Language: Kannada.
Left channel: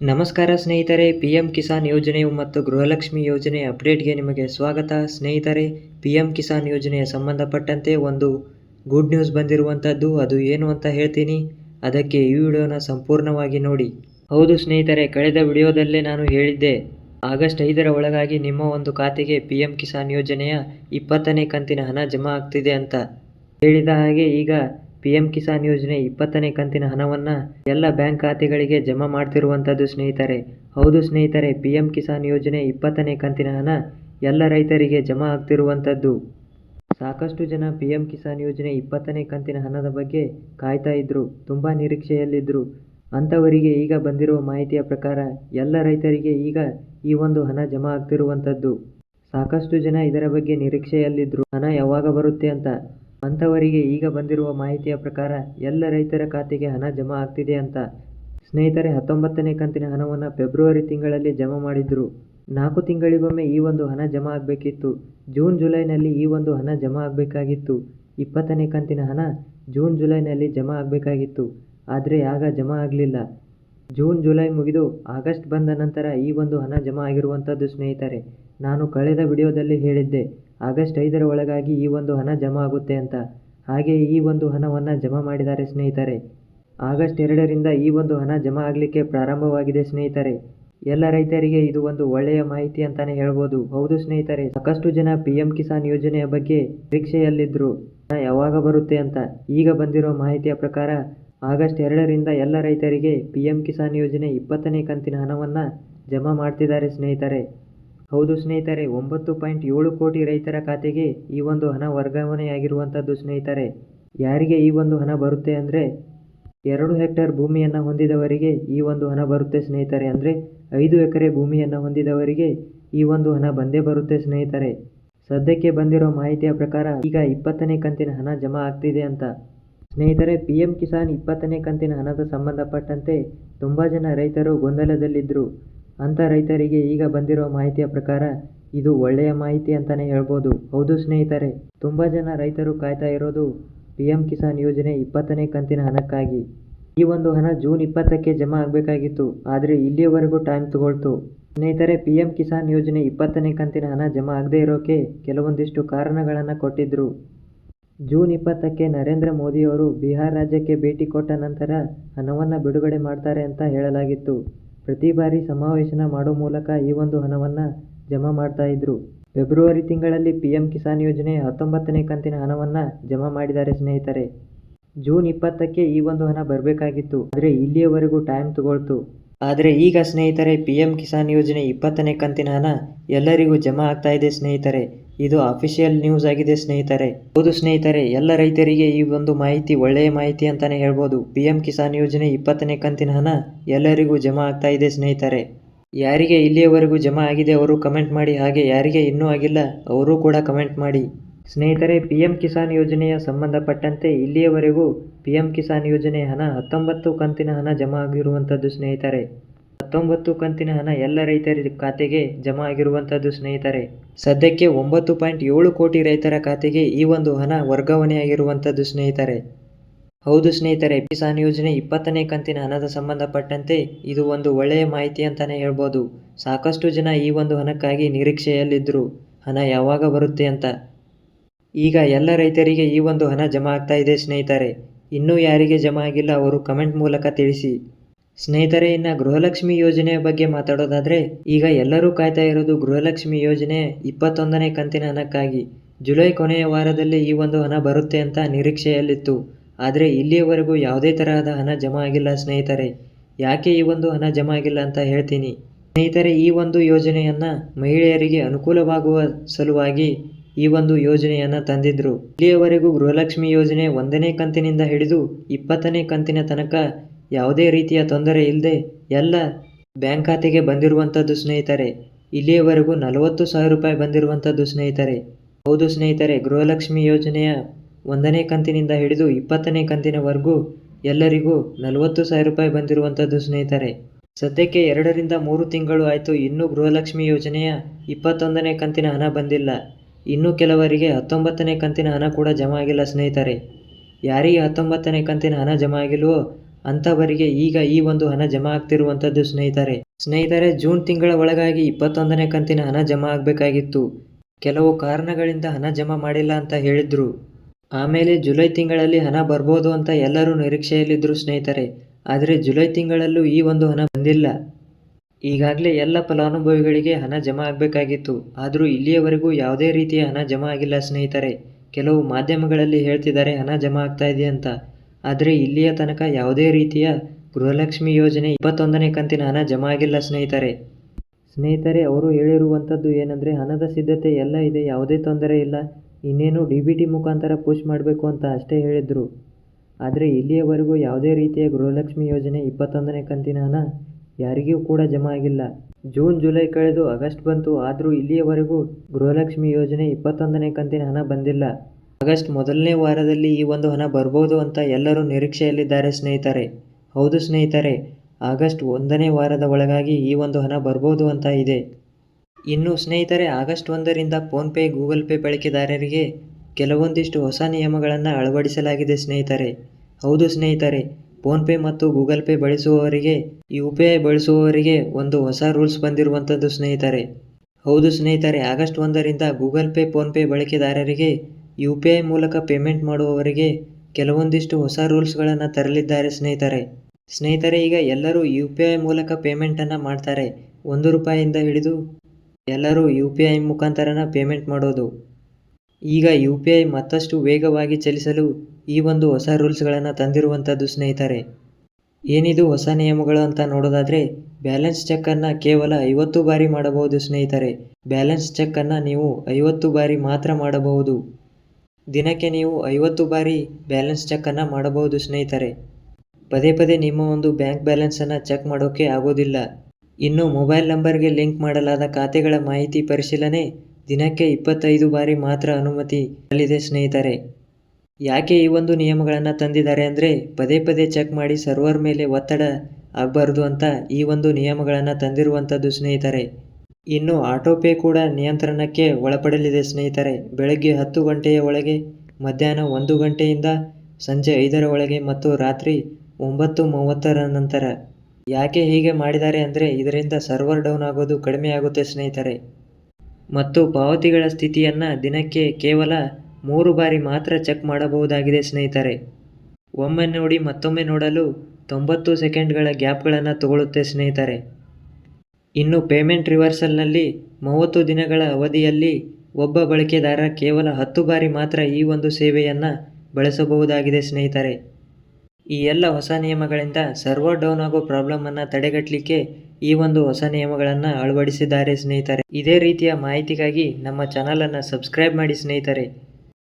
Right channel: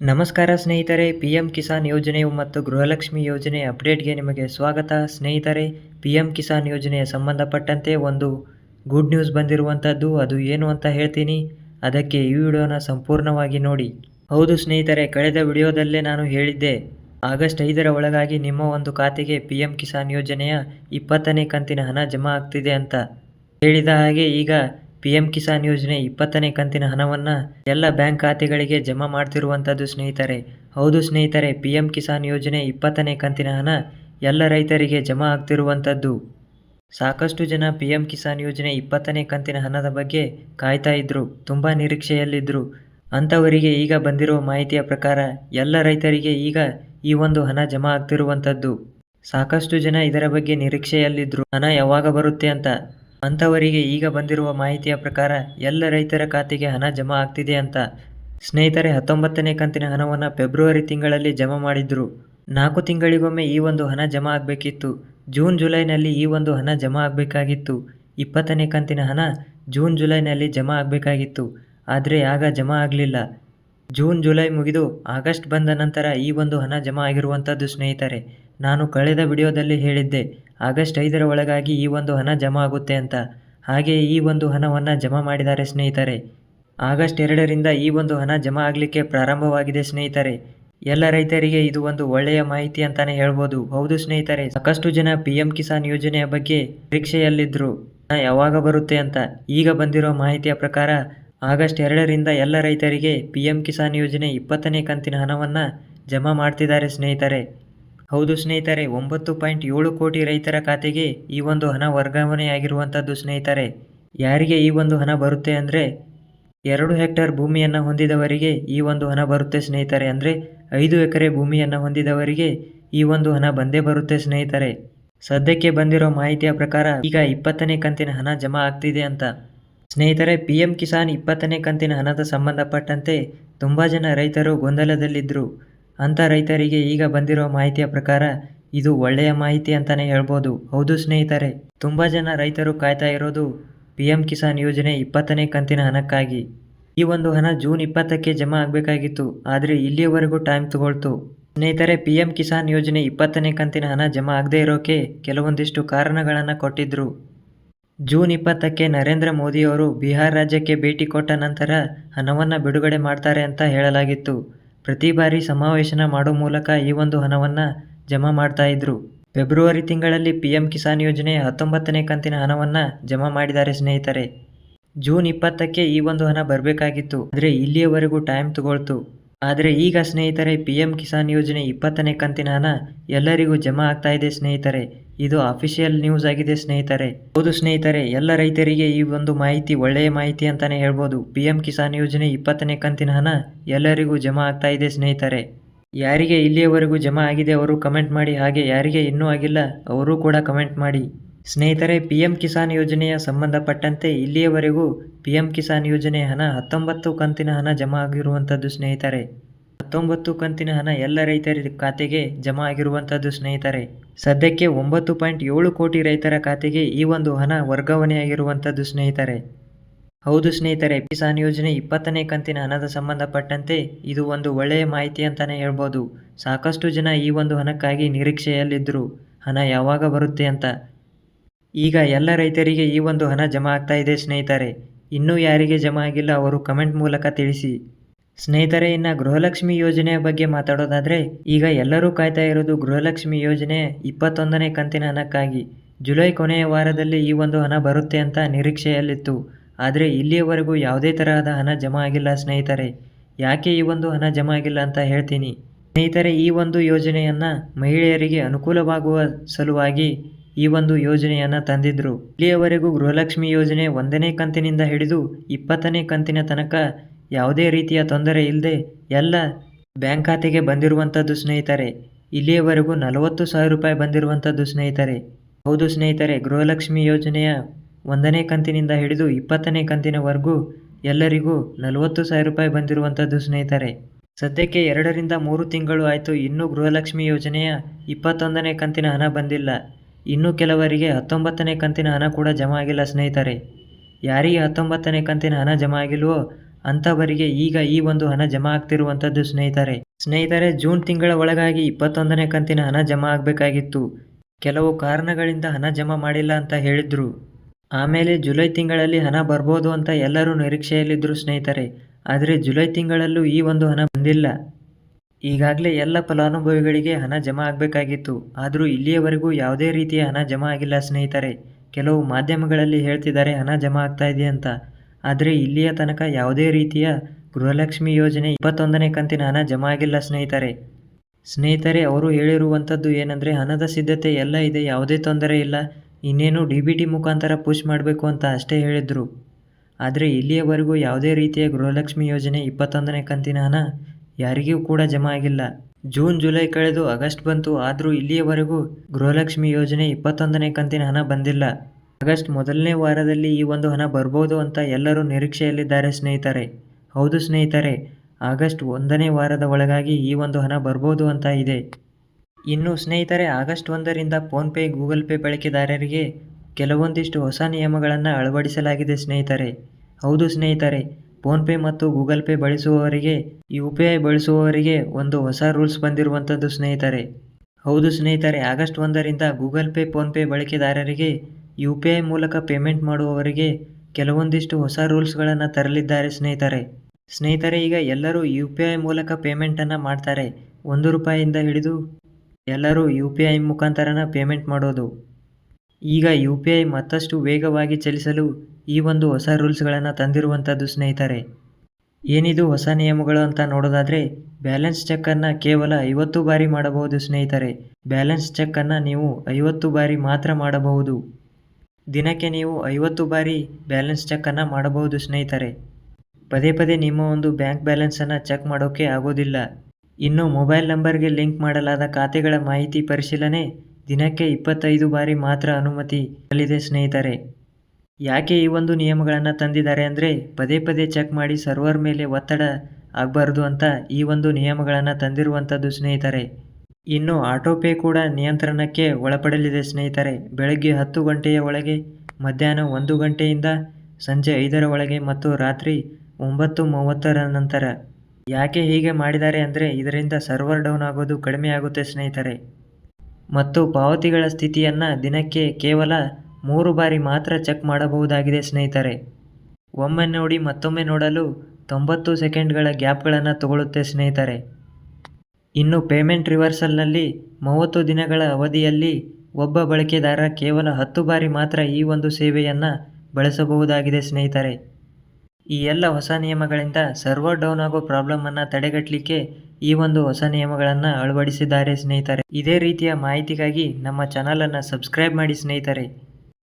ನಮಸ್ಕಾರ ಸ್ನೇಹಿತರೆ ಪಿ ಎಂ ಕಿಸಾನ್ ಯೋಜನೆಯು ಮತ್ತು ಗೃಹಲಕ್ಷ್ಮಿ ಯೋಜನೆ ಅಪ್ಡೇಟ್ಗೆ ನಿಮಗೆ ಸ್ವಾಗತ. ಸ್ನೇಹಿತರೆ ಪಿ ಎಂ ಕಿಸಾನ್ ಯೋಜನೆಯ ಸಂಬಂಧಪಟ್ಟಂತೆ ಒಂದು ಗುಡ್ ನ್ಯೂಸ್ ಬಂದಿರುವಂಥದ್ದು ಅದು ಏನು ಅಂತ ಹೇಳ್ತೀನಿ. ಅದಕ್ಕೆ ಈ ವಿಡಿಯೋನ ಸಂಪೂರ್ಣವಾಗಿ ನೋಡಿ. ಹೌದು ಸ್ನೇಹಿತರೆ, ಕಳೆದ ವಿಡಿಯೋದಲ್ಲೇ ನಾನು ಹೇಳಿದ್ದೆ, ಆಗಸ್ಟ್ ಐದರ ಒಳಗಾಗಿ ನಿಮ್ಮ ಒಂದು ಖಾತೆಗೆ ಪಿ ಎಂ ಕಿಸಾನ್ ಯೋಜನೆಯ ಇಪ್ಪತ್ತನೇ ಕಂತಿನ ಹಣ ಜಮಾ ಆಗ್ತಿದೆ ಅಂತ ಹೇಳಿದ ಹಾಗೆ ಈಗ ಪಿ ಎಂ ಕಿಸಾನ್ ಯೋಜನೆ ಇಪ್ಪತ್ತನೇ ಕಂತಿನ ಹಣವನ್ನು ಎಲ್ಲ ಬ್ಯಾಂಕ್ ಖಾತೆಗಳಿಗೆ ಜಮಾ ಮಾಡ್ತಿರುವಂಥದ್ದು ಸ್ನೇಹಿತರೆ. ಹೌದು ಸ್ನೇಹಿತರೆ ಪಿ ಎಂ ಕಿಸಾನ್ ಯೋಜನೆ ಇಪ್ಪತ್ತನೇ ಕಂತಿನ ಹಣ ಎಲ್ಲ ರೈತರಿಗೆ ಜಮಾ ಆಗ್ತಿರುವಂಥದ್ದು ಸಾಕಷ್ಟು ಜನ ಪಿ ಎಂ ಕಿಸಾನ್ ಯೋಜನೆ ಇಪ್ಪತ್ತನೇ ಕಂತಿನ ಹಣದ ಬಗ್ಗೆ ಕಾಯ್ತಾ ಇದ್ರು, ತುಂಬ ನಿರೀಕ್ಷೆಯಲ್ಲಿದ್ದರು ಅಂಥವರಿಗೆ ಈಗ ಬಂದಿರುವ ಮಾಹಿತಿಯ ಪ್ರಕಾರ ಎಲ್ಲ ರೈತರಿಗೆ ಈಗ ಈ ಒಂದು ಹಣ ಜಮಾ ಆಗ್ತಿರುವಂಥದ್ದು ಸಾಕಷ್ಟು ಜನ ಇದರ ಬಗ್ಗೆ ನಿರೀಕ್ಷೆಯಲ್ಲಿದ್ದರು ಹಣ ಯಾವಾಗ ಬರುತ್ತೆ ಅಂತ. ಅಂಥವರಿಗೆ ಈಗ ಬಂದಿರುವ ಮಾಹಿತಿಯ ಪ್ರಕಾರ ಎಲ್ಲ ರೈತರ ಖಾತೆಗೆ ಹಣ ಜಮಾ ಆಗ್ತಿದೆ ಅಂತ. ಸ್ನೇಹಿತರೆ, ಹತ್ತೊಂಬತ್ತನೇ ಕಂತಿನ ಹಣವನ್ನು ಫೆಬ್ರವರಿ ತಿಂಗಳಲ್ಲಿ ಜಮಾ ಮಾಡಿದ್ರು. ನಾಲ್ಕು ತಿಂಗಳಿಗೊಮ್ಮೆ ಈ ಒಂದು ಹಣ ಜಮಾ ಆಗಬೇಕಿತ್ತು. ಜೂನ್, ಜುಲೈನಲ್ಲಿ ಈ ಒಂದು ಹಣ ಜಮಾ ಆಗಬೇಕಾಗಿತ್ತು. ಇಪ್ಪತ್ತನೇ ಕಂತಿನ ಹಣ ಜೂನ್, ಜುಲೈನಲ್ಲಿ ಜಮಾ ಆಗಬೇಕಾಗಿತ್ತು. ಆದರೆ ಆಗ ಜಮಾ ಆಗಲಿಲ್ಲ. ಜೂನ್, ಜುಲೈ ಮುಗಿದು ಆಗಸ್ಟ್ ಬಂದ ನಂತರ ಈ ಒಂದು ಹಣ ಜಮಾ ಆಗಿರುವಂಥದ್ದು ಸ್ನೇಹಿತರೆ, ನಾನು ಕಳೆದ ವಿಡಿಯೋದಲ್ಲಿ ಹೇಳಿದ್ದೆ. ಆಗಸ್ಟ್ ಐದರ ಒಳಗಾಗಿ ಈ ಒಂದು ಹಣ ಜಮಾ ಆಗುತ್ತೆ ಅಂತ. ಹಾಗೆ ಈ ಒಂದು ಹಣವನ್ನು ಜಮಾ ಮಾಡಿದ್ದಾರೆ ಸ್ನೇಹಿತರೆ. ಆಗಸ್ಟ್ ಎರಡರಿಂದ ಈ ಒಂದು ಹಣ ಜಮಾ ಆಗಲಿಕ್ಕೆ ಪ್ರಾರಂಭವಾಗಿದೆ ಸ್ನೇಹಿತರೆ. ಎಲ್ಲ ರೈತರಿಗೆ ಇದು ಒಂದು ಒಳ್ಳೆಯ ಮಾಹಿತಿ ಅಂತಾನೆ ಹೇಳ್ಬೋದು. ಹೌದು ಸ್ನೇಹಿತರೆ, ಸಾಕಷ್ಟು ಜನ ಪಿ ಎಂ ಕಿಸಾನ್ ಯೋಜನೆಯ ಬಗ್ಗೆ ಪರೀಕ್ಷೆಯಲ್ಲಿದ್ದರು ಯಾವಾಗ ಬರುತ್ತೆ ಅಂತ ಈಗ ಬಂದಿರೋ ಮಾಹಿತಿಯ ಪ್ರಕಾರ ಆಗಸ್ಟ್ ಎರಡರಿಂದ ಎಲ್ಲ ರೈತರಿಗೆ ಪಿ ಎಂ ಕಿಸಾನ್ ಯೋಜನೆ ಇಪ್ಪತ್ತನೇ ಕಂತಿನ ಹಣವನ್ನು ಜಮಾ ಮಾಡ್ತಿದ್ದಾರೆ ಸ್ನೇಹಿತರೆ. ಹೌದು ಸ್ನೇಹಿತರೆ, ಒಂಬತ್ತು ಪಾಯಿಂಟ್ ಏಳು ಕೋಟಿ ರೈತರ ಖಾತೆಗೆ ಈ ಒಂದು ಹಣ ವರ್ಗಾವಣೆಯಾಗಿರುವಂಥದ್ದು ಸ್ನೇಹಿತರೆ. ಯಾರಿಗೆ ಈ ಒಂದು ಹಣ ಬರುತ್ತೆ ಅಂದರೆ, ಎರಡು ಹೆಕ್ಟರ್ ಭೂಮಿಯನ್ನು ಹೊಂದಿದವರಿಗೆ ಈ ಒಂದು ಹಣ ಬರುತ್ತೆ ಸ್ನೇಹಿತರೆ. ಅಂದರೆ, ಐದು ಎಕರೆ ಭೂಮಿಯನ್ನು ಹೊಂದಿದವರಿಗೆ ಈ ಒಂದು ಹಣ ಬಂದೇ ಬರುತ್ತೆ ಸ್ನೇಹಿತರೆ. ಸದ್ಯಕ್ಕೆ ಬಂದಿರೋ ಮಾಹಿತಿಯ ಪ್ರಕಾರ ಈಗ ಇಪ್ಪತ್ತನೇ ಕಂತಿನ ಹಣ ಜಮಾ ಆಗ್ತಿದೆ ಅಂತ. ಸ್ನೇಹಿತರೆ ಪಿ ಎಂ ಕಿಸಾನ್ ಇಪ್ಪತ್ತನೇ ಕಂತಿನ ಹಣದ ಸಂಬಂಧಪಟ್ಟಂತೆ ತುಂಬ ಜನ ರೈತರು ಗೊಂದಲದಲ್ಲಿದ್ದರು ಅಂಥ ರೈತರಿಗೆ ಈಗ ಬಂದಿರೋ ಮಾಹಿತಿಯ ಪ್ರಕಾರ ಇದು ಒಳ್ಳೆಯ ಮಾಹಿತಿ ಅಂತಲೇ ಹೇಳ್ಬೋದು. ಹೌದು ಸ್ನೇಹಿತರೆ, ತುಂಬ ಜನ ರೈತರು ಕಾಯ್ತಾ ಇರೋದು ಪಿ ಎಂ ಕಿಸಾನ್ ಯೋಜನೆ ಇಪ್ಪತ್ತನೇ ಕಂತಿನ ಹಣಕ್ಕಾಗಿ. ಈ ಒಂದು ಹಣ ಜೂನ್ ಇಪ್ಪತ್ತಕ್ಕೆ ಜಮಾ ಆಗಬೇಕಾಗಿತ್ತು, ಆದರೆ ಇಲ್ಲಿಯವರೆಗೂ ಟೈಮ್ ತಗೊಳ್ತು. ಸ್ನೇಹಿತರೆ ಪಿ ಎಂ ಕಿಸಾನ್ ಯೋಜನೆ ಇಪ್ಪತ್ತನೇ ಕಂತಿನ ಹಣ ಜಮಾ ಆಗದೇ ಇರೋಕೆ ಕೆಲವೊಂದಿಷ್ಟು ಕಾರಣಗಳನ್ನು ಕೊಟ್ಟಿದ್ದರು ಜೂನ್ ಇಪ್ಪತ್ತಕ್ಕೆ ನರೇಂದ್ರ ಮೋದಿಯವರು ಬಿಹಾರ್ ರಾಜ್ಯಕ್ಕೆ ಭೇಟಿ ಕೊಟ್ಟ ನಂತರ ಹಣವನ್ನು ಬಿಡುಗಡೆ ಮಾಡ್ತಾರೆ ಅಂತ ಹೇಳಲಾಗಿತ್ತು. ಪ್ರತಿ ಬಾರಿ ಸಮಾವೇಶನ ಮಾಡೋ ಮೂಲಕ ಈ ಒಂದು ಹಣವನ್ನು ಜಮಾ ಮಾಡ್ತಾ ಇದ್ರು. ಫೆಬ್ರವರಿ ತಿಂಗಳಲ್ಲಿ ಪಿ ಎಂ ಕಿಸಾನ್ ಯೋಜನೆ ಹತ್ತೊಂಬತ್ತನೇ ಕಂತಿನ ಹಣವನ್ನು ಜಮಾ ಮಾಡಿದ್ದಾರೆ ಸ್ನೇಹಿತರೆ. ಜೂನ್ ಇಪ್ಪತ್ತಕ್ಕೆ ಈ ಒಂದು ಹಣ ಬರಬೇಕಾಗಿತ್ತು. ಆದರೆ ಇಲ್ಲಿಯವರೆಗೂ ಟೈಮ್ ತಗೊಳ್ತು. ಆದರೆ ಈಗ ಸ್ನೇಹಿತರೆ ಪಿ ಎಂ ಕಿಸಾನ್ ಯೋಜನೆ ಇಪ್ಪತ್ತನೇ ಕಂತಿನ ಹಣ ಎಲ್ಲರಿಗೂ ಜಮಾ ಆಗ್ತಾ ಇದೆ ಸ್ನೇಹಿತರೆ. ಇದು ಅಫಿಷಿಯಲ್ ನ್ಯೂಸ್ ಆಗಿದೆ ಸ್ನೇಹಿತರೆ. ಹೌದು ಸ್ನೇಹಿತರೆ, ಎಲ್ಲ ರೈತರಿಗೆ ಈ ಒಂದು ಮಾಹಿತಿ ಒಳ್ಳೆಯ ಮಾಹಿತಿ ಅಂತಾನೆ ಹೇಳ್ಬೋದು. ಪಿ ಎಂ ಕಿಸಾನ್ ಯೋಜನೆ ಇಪ್ಪತ್ತನೇ ಕಂತಿನ ಹಣ ಎಲ್ಲರಿಗೂ ಜಮಾ ಆಗ್ತಾ ಇದೆ ಸ್ನೇಹಿತರೆ. ಯಾರಿಗೆ ಇಲ್ಲಿಯವರೆಗೂ ಜಮಾ ಆಗಿದೆ ಅವರು ಕಮೆಂಟ್ ಮಾಡಿ, ಹಾಗೆ ಯಾರಿಗೆ ಇನ್ನೂ ಆಗಿಲ್ಲ ಅವರು ಕೂಡ ಕಮೆಂಟ್ ಮಾಡಿ. ಸ್ನೇಹಿತರೆ ಪಿ ಎಂ ಕಿಸಾನ್ ಯೋಜನೆಯ ಸಂಬಂಧಪಟ್ಟಂತೆ ಇಲ್ಲಿಯವರೆಗೂ ಪಿ ಎಂ ಕಿಸಾನ್ ಯೋಜನೆ ಹಣ ಹತ್ತೊಂಬತ್ತು ಕಂತಿನ ಹಣ ಜಮಾ ಆಗಿರುವಂಥದ್ದು ಸ್ನೇಹಿತರೆ. ಹತ್ತೊಂಬತ್ತು ಕಂತಿನ ಹಣ ಎಲ್ಲ ರೈತರ ಖಾತೆಗೆ ಜಮಾ ಆಗಿರುವಂಥದ್ದು ಸ್ನೇಹಿತರೆ, ಸದ್ಯಕ್ಕೆ ಒಂಬತ್ತು ಪಾಯಿಂಟ್ ಏಳು ಕೋಟಿ ರೈತರ ಖಾತೆಗೆ ಈ ಒಂದು ಹಣ ವರ್ಗಾವಣೆಯಾಗಿರುವಂತಹದ್ದು ಸ್ನೇಹಿತರೆ. ಹೌದು ಸ್ನೇಹಿತರೆ, ಕಿಸಾನ್ ಯೋಜನೆ ಇಪ್ಪತ್ತನೇ ಕಂತಿನ ಹಣದ ಸಂಬಂಧಪಟ್ಟಂತೆ ಇದು ಒಂದು ಒಳ್ಳೆಯ ಮಾಹಿತಿ ಅಂತಾನೆ ಹೇಳ್ಬೋದು. ಸಾಕಷ್ಟು ಜನ ಈ ಒಂದು ಹಣಕ್ಕಾಗಿ ನಿರೀಕ್ಷೆಯಲ್ಲಿದ್ದರು ಹಣ ಯಾವಾಗ ಬರುತ್ತೆ ಅಂತ. ಈಗ ಎಲ್ಲ ರೈತರಿಗೆ ಈ ಒಂದು ಹಣ ಜಮಾ ಆಗ್ತಾ ಇದೆ ಸ್ನೇಹಿತರೆ. ಇನ್ನೂ ಯಾರಿಗೆ ಜಮಾ ಆಗಿಲ್ಲ ಅವರು ಕಮೆಂಟ್ ಮೂಲಕ ತಿಳಿಸಿ. ಸ್ನೇಹಿತರೆ, ಇನ್ನು ಗೃಹಲಕ್ಷ್ಮಿ ಯೋಜನೆಯ ಬಗ್ಗೆ ಮಾತಾಡೋದಾದರೆ, ಈಗ ಎಲ್ಲರೂ ಕಾಯ್ತಾ ಇರೋದು ಗೃಹಲಕ್ಷ್ಮಿ ಯೋಜನೆ ಇಪ್ಪತ್ತೊಂದನೇ ಕಂತಿನ ಹಣಕ್ಕಾಗಿ. ಜುಲೈ ಕೊನೆಯ ವಾರದಲ್ಲಿ ಈ ಒಂದು ಹಣ ಬರುತ್ತೆ ಅಂತ ನಿರೀಕ್ಷೆಯಲ್ಲಿತ್ತು. ಆದರೆ ಇಲ್ಲಿಯವರೆಗೂ ಯಾವುದೇ ತರಹದ ಹಣ ಜಮಾ ಆಗಿಲ್ಲ ಸ್ನೇಹಿತರೆ. ಯಾಕೆ ಈ ಒಂದು ಹಣ ಜಮಾ ಆಗಿಲ್ಲ ಅಂತ ಹೇಳ್ತೀನಿ. ಸ್ನೇಹಿತರೆ, ಈ ಒಂದು ಯೋಜನೆಯನ್ನು ಮಹಿಳೆಯರಿಗೆ ಅನುಕೂಲವಾಗುವ ಸಲುವಾಗಿ ಈ ಒಂದು ಯೋಜನೆಯನ್ನು ತಂದಿದ್ರು. ಇಲ್ಲಿಯವರೆಗೂ ಗೃಹಲಕ್ಷ್ಮಿ ಯೋಜನೆ ಒಂದನೇ ಕಂತಿನಿಂದ ಹಿಡಿದು ಇಪ್ಪತ್ತನೇ ಕಂತಿನ ತನಕ ಯಾವುದೇ ರೀತಿಯ ತೊಂದರೆ ಇಲ್ಲದೆ ಎಲ್ಲ ಬ್ಯಾಂಕ್ ಖಾತೆಗೆ ಬಂದಿರುವಂಥದ್ದು ಸ್ನೇಹಿತರೆ, ಇಲ್ಲಿಯವರೆಗೂ ನಲವತ್ತು ಸಾವಿರ ರೂಪಾಯಿ ಬಂದಿರುವಂಥದ್ದು ಸ್ನೇಹಿತರೆ. ಹೌದು ಸ್ನೇಹಿತರೆ, ಗೃಹಲಕ್ಷ್ಮಿ ಯೋಜನೆಯ ಒಂದನೇ ಕಂತಿನಿಂದ ಹಿಡಿದು ಇಪ್ಪತ್ತನೇ ಕಂತಿನವರೆಗೂ ಎಲ್ಲರಿಗೂ ನಲವತ್ತು ಸಾವಿರ ರೂಪಾಯಿ ಬಂದಿರುವಂಥದ್ದು ಸ್ನೇಹಿತರೆ. ಸದ್ಯಕ್ಕೆ ಎರಡರಿಂದ ಮೂರು ತಿಂಗಳು ಆಯಿತು, ಇನ್ನೂ ಗೃಹಲಕ್ಷ್ಮಿ ಯೋಜನೆಯ ಇಪ್ಪತ್ತೊಂದನೇ ಕಂತಿನ ಹಣ ಬಂದಿಲ್ಲ. ಇನ್ನೂ ಕೆಲವರಿಗೆ ಹತ್ತೊಂಬತ್ತನೇ ಕಂತಿನ ಹಣ ಕೂಡ ಜಮಾ ಆಗಿಲ್ಲ ಸ್ನೇಹಿತರೆ. ಯಾರಿಗೆ ಹತ್ತೊಂಬತ್ತನೇ ಕಂತಿನ ಹಣ ಜಮಾ ಆಗಿಲ್ವೋ ಅಂಥವರಿಗೆ ಈಗ ಈ ಒಂದು ಹಣ ಜಮಾ ಆಗ್ತಿರುವಂಥದ್ದು ಸ್ನೇಹಿತರೆ. ಸ್ನೇಹಿತರೆ, ಜೂನ್ ತಿಂಗಳ ಒಳಗಾಗಿ ಇಪ್ಪತ್ತೊಂದನೇ ಕಂತಿನ ಹಣ ಜಮಾ ಆಗಬೇಕಾಗಿತ್ತು. ಕೆಲವು ಕಾರಣಗಳಿಂದ ಹಣ ಜಮಾ ಮಾಡಿಲ್ಲ ಅಂತ ಹೇಳಿದ್ರು. ಆಮೇಲೆ ಜುಲೈ ತಿಂಗಳಲ್ಲಿ ಹಣ ಬರ್ಬೋದು ಅಂತ ಎಲ್ಲರೂ ನಿರೀಕ್ಷೆಯಲ್ಲಿದ್ದರು ಸ್ನೇಹಿತರೆ. ಆದರೆ ಜುಲೈ ತಿಂಗಳಲ್ಲೂ ಈ ಒಂದು ಹಣ ಬಂದಿಲ್ಲ. ಈಗಾಗಲೇ ಎಲ್ಲ ಫಲಾನುಭವಿಗಳಿಗೆ ಹಣ ಜಮಾ ಆಗಬೇಕಾಗಿತ್ತು. ಆದರೂ ಇಲ್ಲಿಯವರೆಗೂ ಯಾವುದೇ ರೀತಿಯ ಹಣ ಜಮಾ ಆಗಿಲ್ಲ ಸ್ನೇಹಿತರೆ. ಕೆಲವು ಮಾಧ್ಯಮಗಳಲ್ಲಿ ಹೇಳ್ತಿದ್ದಾರೆ, ಹಣ ಜಮಾ ಆಗ್ತಾ ಇದೆ ಅಂತ ಆದರೆ ಇಲ್ಲಿಯ ತನಕ ಯಾವುದೇ ರೀತಿಯ ಗೃಹಲಕ್ಷ್ಮಿ ಯೋಜನೆ ಇಪ್ಪತ್ತೊಂದನೇ ಕಂತಿನ ಹಣ ಜಮಾ ಆಗಿಲ್ಲ ಸ್ನೇಹಿತರೆ. ಸ್ನೇಹಿತರೆ, ಅವರು ಹೇಳಿರುವಂಥದ್ದು ಏನಂದರೆ, ಹಣದ ಸಿದ್ಧತೆ ಎಲ್ಲ ಇದೆ, ಯಾವುದೇ ತೊಂದರೆ ಇಲ್ಲ, ಇನ್ನೇನು ಡಿ ಬಿ ಟಿ ಮುಖಾಂತರ ಪುಷ್ ಮಾಡಬೇಕು ಅಂತ ಅಷ್ಟೇ ಹೇಳಿದರು. ಆದರೆ ಇಲ್ಲಿಯವರೆಗೂ ಯಾವುದೇ ರೀತಿಯ ಗೃಹಲಕ್ಷ್ಮಿ ಯೋಜನೆ ಇಪ್ಪತ್ತೊಂದನೇ ಕಂತಿನ ಹಣ ಯಾರಿಗೂ ಕೂಡ ಜಮಾ ಆಗಿಲ್ಲ. ಜೂನ್, ಜುಲೈ ಕಳೆದು ಆಗಸ್ಟ್ ಬಂತು, ಆದರೂ ಇಲ್ಲಿಯವರೆಗೂ ಗೃಹಲಕ್ಷ್ಮಿ ಯೋಜನೆ ಇಪ್ಪತ್ತೊಂದನೇ ಕಂತಿನ ಹಣ ಬಂದಿಲ್ಲ. ಆಗಸ್ಟ್ ಮೊದಲನೇ ವಾರದಲ್ಲಿ ಈ ಒಂದು ಹಣ ಬರ್ಬೋದು ಅಂತ ಎಲ್ಲರೂ ನಿರೀಕ್ಷೆಯಲ್ಲಿದ್ದಾರೆ ಸ್ನೇಹಿತರೆ. ಹೌದು ಸ್ನೇಹಿತರೆ, ಆಗಸ್ಟ್ ಒಂದನೇ ವಾರದ ಒಳಗಾಗಿ ಈ ಒಂದು ಹಣ ಬರ್ಬೋದು ಅಂತ ಇದೆ. ಇನ್ನು ಸ್ನೇಹಿತರೆ, ಆಗಸ್ಟ್ ಒಂದರಿಂದ ಫೋನ್ಪೇ ಗೂಗಲ್ ಪೇ ಬಳಕೆದಾರರಿಗೆ ಕೆಲವೊಂದಿಷ್ಟು ಹೊಸ ನಿಯಮಗಳನ್ನು ಅಳವಡಿಸಲಾಗಿದೆ ಸ್ನೇಹಿತರೆ. ಹೌದು ಸ್ನೇಹಿತರೆ ಫೋನ್ಪೇ ಮತ್ತು ಗೂಗಲ್ ಪೇ ಬಳಸುವವರಿಗೆ, ಯು ಪಿ ಐ ಬಳಸುವವರಿಗೆ ಒಂದು ಹೊಸ ರೂಲ್ಸ್ ಬಂದಿರುವಂಥದ್ದು ಸ್ನೇಹಿತರೆ. ಹೌದು ಸ್ನೇಹಿತರೆ, ಆಗಸ್ಟ್ ಒಂದರಿಂದ ಗೂಗಲ್ ಪೇ ಫೋನ್ಪೇ ಬಳಕೆದಾರರಿಗೆ ಯು ಪಿ ಐ ಮೂಲಕ ಪೇಮೆಂಟ್ ಮಾಡುವವರಿಗೆ ಕೆಲವೊಂದಿಷ್ಟು ಹೊಸ ರೂಲ್ಸ್ಗಳನ್ನು ತರಲಿದ್ದಾರೆ ಸ್ನೇಹಿತರೆ. ಸ್ನೇಹಿತರೆ, ಈಗ ಎಲ್ಲರೂ ಯು ಪಿ ಐ ಮೂಲಕ ಪೇಮೆಂಟನ್ನು ಮಾಡ್ತಾರೆ. ಒಂದು ರೂಪಾಯಿಂದ ಹಿಡಿದು ಎಲ್ಲರೂ ಯು ಪಿ ಐ ಮುಖಾಂತರನ ಪೇಮೆಂಟ್ ಮಾಡೋದು. ಈಗ ಯು ಪಿ ಐ ಮತ್ತಷ್ಟು ವೇಗವಾಗಿ ಚಲಿಸಲು ಈ ಒಂದು ಹೊಸ ರೂಲ್ಸ್ಗಳನ್ನು ತಂದಿರುವಂಥದ್ದು ಸ್ನೇಹಿತರೆ. ಏನಿದು ಹೊಸ ನಿಯಮಗಳು ಅಂತ ನೋಡೋದಾದರೆ, ಬ್ಯಾಲೆನ್ಸ್ ಚೆಕ್ಕನ್ನು ಕೇವಲ ಐವತ್ತು ಬಾರಿ ಮಾಡಬಹುದು ಸ್ನೇಹಿತರೆ. ಬ್ಯಾಲೆನ್ಸ್ ಚೆಕ್ಕನ್ನು ನೀವು ಐವತ್ತು ಬಾರಿ ಮಾತ್ರ ಮಾಡಬಹುದು. ದಿನಕ್ಕೆ ನೀವು ಐವತ್ತು ಬಾರಿ ಬ್ಯಾಲೆನ್ಸ್ ಚೆಕ್ಕನ್ನು ಮಾಡಬಹುದು ಸ್ನೇಹಿತರೆ. ಪದೇ ಪದೇ ನಿಮ್ಮ ಒಂದು ಬ್ಯಾಂಕ್ ಬ್ಯಾಲೆನ್ಸನ್ನು ಚೆಕ್ ಮಾಡೋಕ್ಕೆ ಆಗೋದಿಲ್ಲ. ಇನ್ನು ಮೊಬೈಲ್ ನಂಬರ್ಗೆ ಲಿಂಕ್ ಮಾಡಲಾದ ಖಾತೆಗಳ ಮಾಹಿತಿ ಪರಿಶೀಲನೆ ದಿನಕ್ಕೆ ಇಪ್ಪತ್ತೈದು ಬಾರಿ ಮಾತ್ರ ಅನುಮತಿ ಅಲ್ಲಿದೆ ಸ್ನೇಹಿತರೆ. ಯಾಕೆ ಈ ಒಂದು ನಿಯಮಗಳನ್ನು ತಂದಿದ್ದಾರೆ ಅಂದರೆ ಪದೇ ಪದೇ ಚೆಕ್ ಮಾಡಿ ಸರ್ವರ್ ಮೇಲೆ ಒತ್ತಡ ಆಗಬಾರ್ದು ಅಂತ ಈ ಒಂದು ನಿಯಮಗಳನ್ನು ತಂದಿರುವಂಥದ್ದು ಸ್ನೇಹಿತರೆ. ಇನ್ನು ಆಟೋ ಪೇ ಕೂಡ ನಿಯಂತ್ರಣಕ್ಕೆ ಒಳಪಡಲಿದೆ ಸ್ನೇಹಿತರೆ. ಬೆಳಗ್ಗೆ ಹತ್ತು ಗಂಟೆಯ ಒಳಗೆ, ಮಧ್ಯಾಹ್ನ ಒಂದು ಗಂಟೆಯಿಂದ ಸಂಜೆ ಐದರ ಒಳಗೆ ಮತ್ತು ರಾತ್ರಿ ಒಂಬತ್ತು ಮೂವತ್ತರ ನಂತರ. ಯಾಕೆ ಹೀಗೆ ಮಾಡಿದ್ದಾರೆ ಅಂದರೆ ಇದರಿಂದ ಸರ್ವರ್ ಡೌನ್ ಆಗೋದು ಕಡಿಮೆ ಆಗುತ್ತೆ ಸ್ನೇಹಿತರೆ. ಮತ್ತು ಪಾವತಿಗಳ ಸ್ಥಿತಿಯನ್ನು ದಿನಕ್ಕೆ ಕೇವಲ ಮೂರು ಬಾರಿ ಮಾತ್ರ ಚೆಕ್ ಮಾಡಬಹುದಾಗಿದೆ ಸ್ನೇಹಿತರೆ. ಒಮ್ಮೆ ನೋಡಿ ಮತ್ತೊಮ್ಮೆ ನೋಡಲು ತೊಂಬತ್ತು ಸೆಕೆಂಡ್ಗಳ ಗ್ಯಾಪ್ಗಳನ್ನು ತಗೊಳ್ಳುತ್ತೆ ಸ್ನೇಹಿತರೆ. ಇನ್ನು ಪೇಮೆಂಟ್ ರಿವರ್ಸಲ್ನಲ್ಲಿ ಮೂವತ್ತು ದಿನಗಳ ಅವಧಿಯಲ್ಲಿ ಒಬ್ಬ ಬಳಕೆದಾರ ಕೇವಲ ಹತ್ತು ಬಾರಿ ಮಾತ್ರ ಈ ಒಂದು ಸೇವೆಯನ್ನು ಬಳಸಬಹುದಾಗಿದೆ ಸ್ನೇಹಿತರೆ. ಈ ಎಲ್ಲ ಹೊಸ ನಿಯಮಗಳಿಂದ ಸರ್ವರ್ ಡೌನ್ ಆಗೋ ಪ್ರಾಬ್ಲಮನ್ನು ತಡೆಗಟ್ಟಲಿಕ್ಕೆ ಈ ಒಂದು ಹೊಸ ನಿಯಮಗಳನ್ನು ಅಳವಡಿಸಿದ್ದಾರೆ ಸ್ನೇಹಿತರೆ. ಇದೇ ರೀತಿಯ ಮಾಹಿತಿಗಾಗಿ ನಮ್ಮ ಚಾನಲನ್ನು ಸಬ್ಸ್ಕ್ರೈಬ್ ಮಾಡಿ ಸ್ನೇಹಿತರೆ.